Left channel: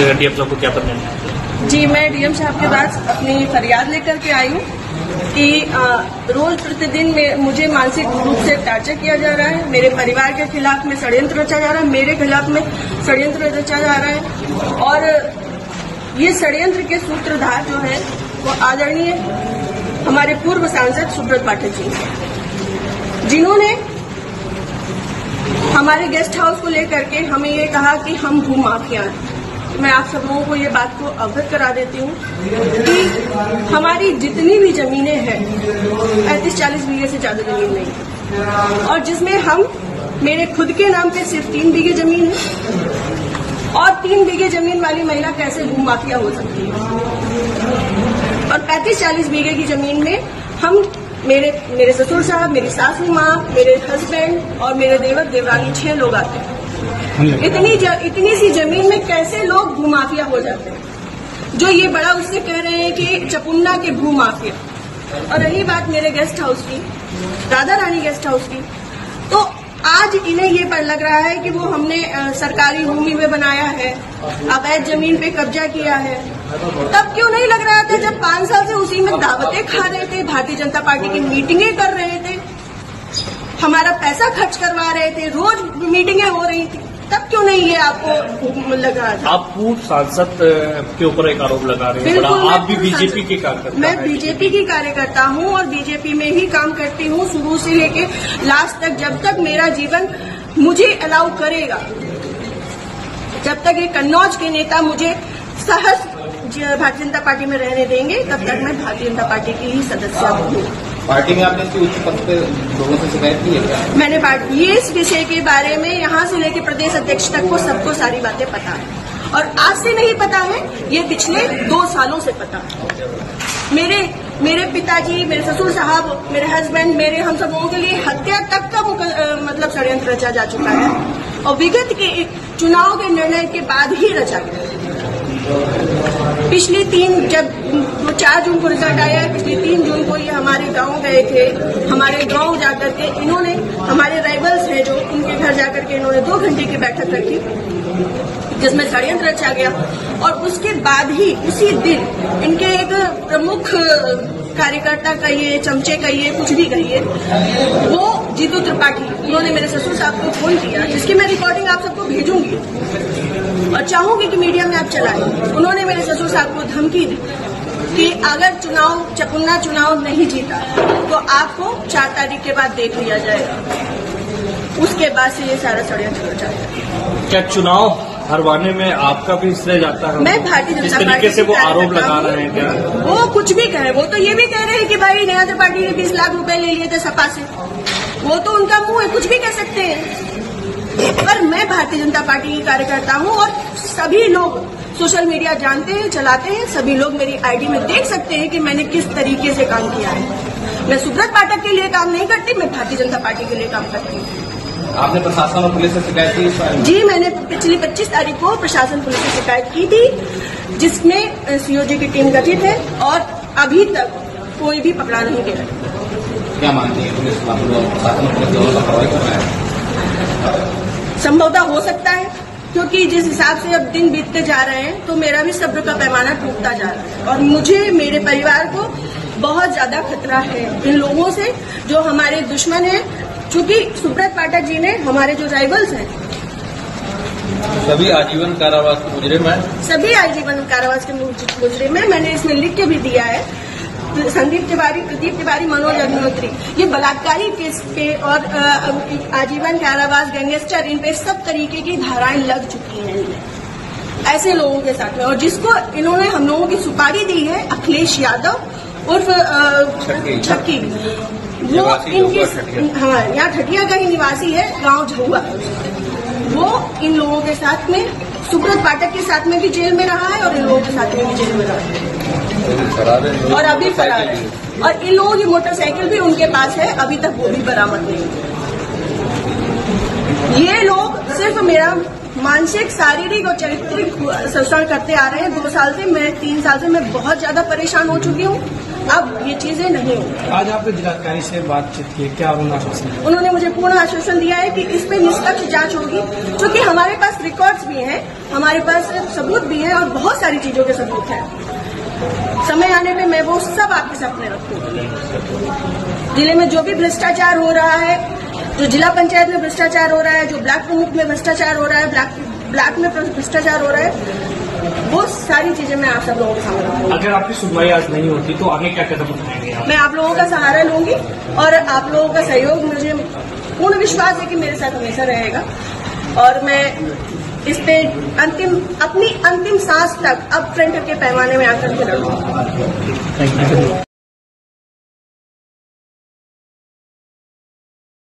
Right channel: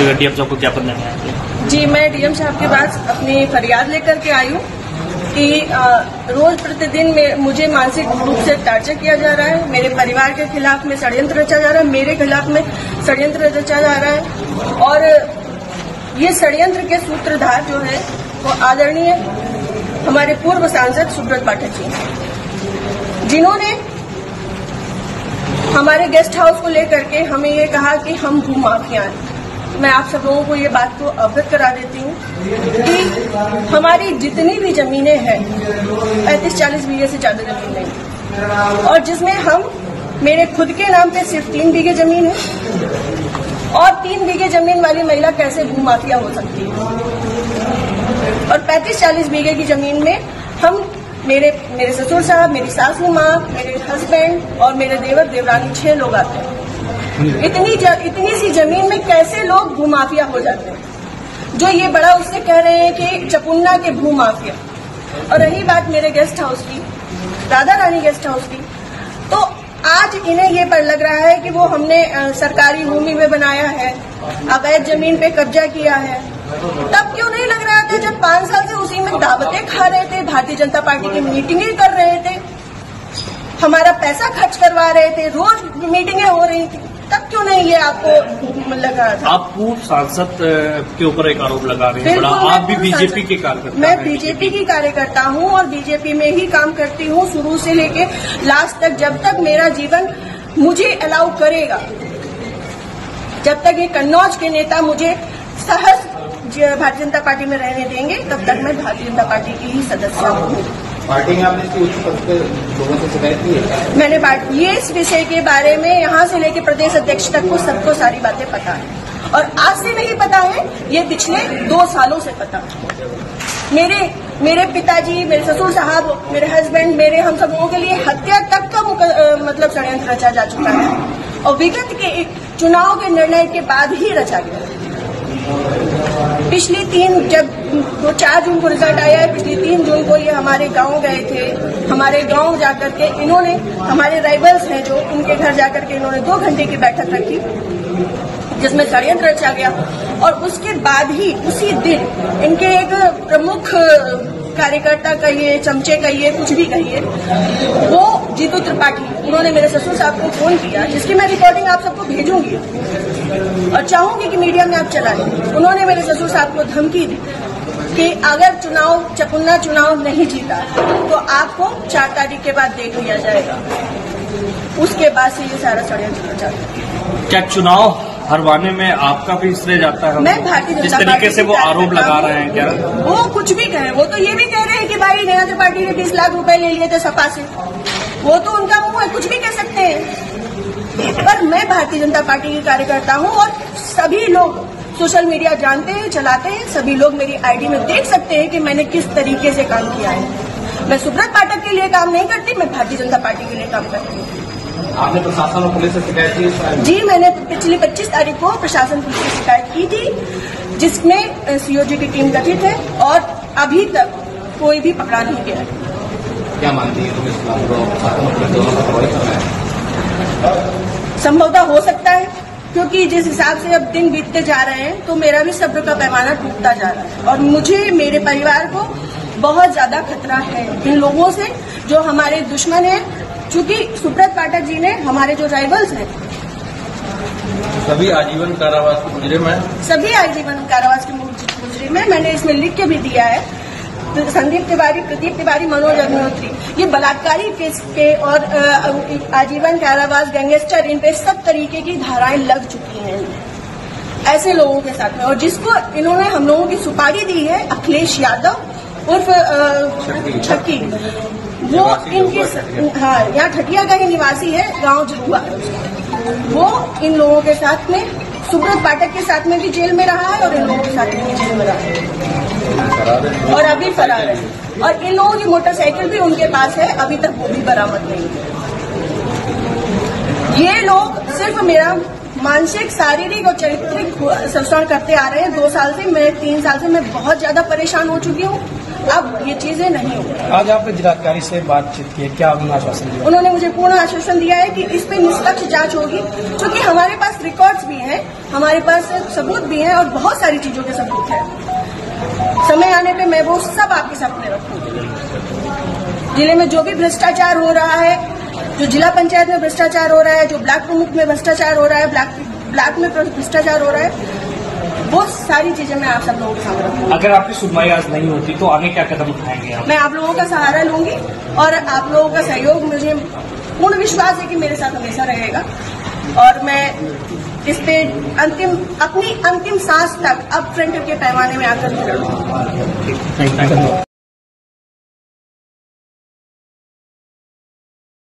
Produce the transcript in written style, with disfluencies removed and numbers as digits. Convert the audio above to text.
DM साहब को ज्ञापन देना है? जी, मैं डीएम साहब के पास अपनी फरियाद लेकर के आई हूँ कि रोज प्रतिदिन मुझे मानसिक रूप से टार्चर किया जा रहा है। मेरे परिवार के खिलाफ में षड्यंत्र रचा जा रहा है, मेरे खिलाफ में षड्यंत्र रचा जा रहा है। और ये षड्यंत्र के सूत्रधार जो है वो आदरणीय हमारे पूर्व सांसद सुब्रत पाठक जी हैं, जिन्होंने हमारे गेस्ट हाउस को लेकर के हमें ये कहा कि हम भू माफिया हैं। मैं आप सब लोगों को ये बात को अवगत करा देती हूँ कि हमारी जितनी भी जमीनें हैं 35-40 बीघे से ज्यादा जमीन नहीं, और जिसमें मेरे खुद के नाम पे सिर्फ 3 बीघे जमीन है। और 3 बीघे जमीन वाली महिला कैसे भू माफिया हो सकती है? और 35-40 बीघे की जमीन में हम मेरे ससुर साहब, मेरी सासू माँ, मेरे हस्बैंड और मेरे देवर देवरानी 6 लोग आते हैं। इतनी सी जमीन में कैसे लोग भू माफिया हो जाते हैं? जो ये बड़ा उससे कह रहे हैं कि चपुन्ना के भू माफिया। और रही बात मेरे गेस्ट हाउस की, राधा रानी गेस्ट हाउस की, तो आज इन्हें ये पर लग रहा है कि वो हमने सरकारी भूमि में बनाया है, अवैध जमीन पे कब्जा किया है। तब क्यों नहीं लग रहा था जब 5 साल से उसी में दावतें खा रहे थे, भारतीय जनता पार्टी की मीटिंगें कर रहे थे, हमारा पैसा खर्च करवा रहे थे, रोज मीटिंगें हो रही थी, तब क्यों नहीं ये आपको लगा था? आप पूर्व सांसद के ऊपर एक आरोप लगा रहे हैं। बिल्कुल, आप भी बीजेपी के कार्यकर्ता? मैं बीजेपी की कार्यकर्ता हूँ और बीजेपी में ही काम करती हूँ शुरू से लेके लास्ट तक, जब तक मेरा जीवन मुझे अलाउ करेगा, जब तक ये कन्नौज के नेता मुझे सहज भारतीय जनता पार्टी में रहने देंगे, तब तक मैं भारतीय जनता पार्टी की ही सदस्य हूँ। पार्टी में आपने उच्च पद पे लोगों से शिकायत की है? मैंने ये इस विषय के बारे में यहाँ से लेकर प्रदेश अध्यक्ष तक को सबको सारी बातें पता है, और आज से नहीं पता है, ये पिछले 2 सालों से पता है। मेरे पिताजी, मेरे ससुर साहब, मेरे हस्बैंड, हम सब लोगों के लिए हत्या तक का मतलब षड्यंत्र रचा जा चुका है, और विगत के चुनाव के निर्णय के बाद ही रचा गया। पिछली 4 जून को रिजल्ट आया है, पिछली 3 जून को ये हमारे गांव गए थे। हमारे गांव जाकर के इन्होंने, हमारे राइवल्स हैं जो, उनके घर जाकर के इन्होंने 2 घंटे की बैठक रखी जिसमें षड्यंत्र रचा गया। और उसके बाद ही उसी दिन इनके एक प्रमुख कार्यकर्ता कहिए, चमचे कहिए, कुछ भी कहिए, वो जीतू त्रिपाठी, उन्होंने मेरे ससुर साहब को फोन किया, जिसकी मैं रिकॉर्डिंग आप सबको भेजूंगी और चाहूंगी कि मीडिया में आप चलाएं। उन्होंने मेरे ससुर साहब को धमकी दी कि अगर चपुन्ना चुनाव नहीं जीता तो आपको 4 तारीख के बाद देख लिया जाएगा। उसके बाद से ये सारा षड्यंत्र रचा है। क्या चुनाव हरवाने में आपका भी श्रेय जाता है? मैं भारतीय जनता पार्टी तरीके से वो आरोप लगा रहे हैं क्या? वो कुछ भी कहे, वो तो ये भी कह रहे हैं कि भाई नया जनता पार्टी ने 20 लाख रुपए ले लिए थे सपा से। वो तो उनका मुंह है, कुछ भी कह सकते हैं। पर मैं भारतीय जनता पार्टी की कार्यकर्ता हूँ, और सभी लोग सोशल मीडिया जानते हैं, चलाते हैं, सभी लोग मेरी आईडी में देख सकते हैं कि मैंने किस तरीके से काम किया है। मैं सुब्रत पाठक के लिए काम नहीं करती, मैं भारतीय जनता पार्टी के लिए काम करती हूँ। आपने प्रशासन और पुलिस से शिकायत की? जी, मैंने पिछली 25 तारीख को प्रशासन पुलिस से शिकायत की थी, जिसमें सीओजी की टीम गठित है, और अभी तक कोई भी पकड़ा नहीं गया। क्या मानती है पुलिस? संभवतः हो सकता है, क्योंकि जिस हिसाब से अब दिन बीतते जा रहे हैं तो मेरा भी सब्र का पैमाना टूटता जा रहा है, और मुझे, मेरे परिवार को बहुत ज्यादा खतरा है इन लोगों से जो हमारे दुश्मन हैं। क्योंकि सुब्रत पाठक जी ने, हमारे जो राइवल्स हैं, सभी आजीवन कारावास के मुजरिम हैं। सभी आजीवन कारावास के मुजरिम हैं। मैंने इसमें लिख के भी दिया है, संदीप तिवारी, प्रदीप तिवारी, मनोज अग्निहोत्री, ये बलात्कारी केस के और आजीवन कारावास, गैंगस्टर, इन पे सब तरीके की धाराएं लग चुकी हैं ऐसे लोगों के साथ में। और जिसको इन्होंने हम लोगों की सुपारी दी है, अखिलेश यादव उर्फ छक्की, वो इनके, हाँ, यहाँ ठटिया का ही निवासी है, गांव झुआ। वो इन लोगों के साथ में, सुब्रत पाठक के साथ में भी जेल में रहा है, और इन लोगों के साथ में भी जेल में रहा है, और अभी फरार है। और इन लोगों की मोटरसाइकिल भी उनके पास है, अभी तक वो भी बरामद नहीं है। ये लोग सिर्फ मेरा मानसिक, शारीरिक और चारित्रिक से शोषण करते आ रहे हैं। 2 साल से, मैं 3 साल से मैं बहुत ज्यादा परेशान हो चुकी हूँ। अब ये चीजें नहीं होंगी। आज आपने जिलाधिकारी से बातचीत की, क्या उन्होंने आश्वासन दिया? उन्होंने मुझे पूर्ण आश्वासन दिया है कि इस पे निष्पक्ष जांच होगी, क्योंकि हमारे पास रिकॉर्ड्स भी हैं, हमारे पास सबूत भी हैं और बहुत सारी चीजों के सबूत हैं। समय आने पे मैं वो सब आपके सामने रखूंगी। जिले में जो भी भ्रष्टाचार हो रहा है, जो जिला पंचायत में भ्रष्टाचार हो रहा है, जो ब्लॉक प्रमुख में भ्रष्टाचार हो रहा है, ब्लॉक में भ्रष्टाचार हो रहा है, वो सारी चीजें मैं आप सब लोगों के सामने रखूंगी। अगर आपकी सुनवाई आज नहीं होती तो आगे क्या कदम उठाएंगे? मैं आप लोगों का सहारा लूंगी और आप लोगों का सहयोग, मुझे पूर्ण विश्वास है कि मेरे साथ हमेशा रहेगा और मैं इस पे अपनी अंतिम सांस तक अब फ्रंट के पैमाने में आकर के लड़ूंगी।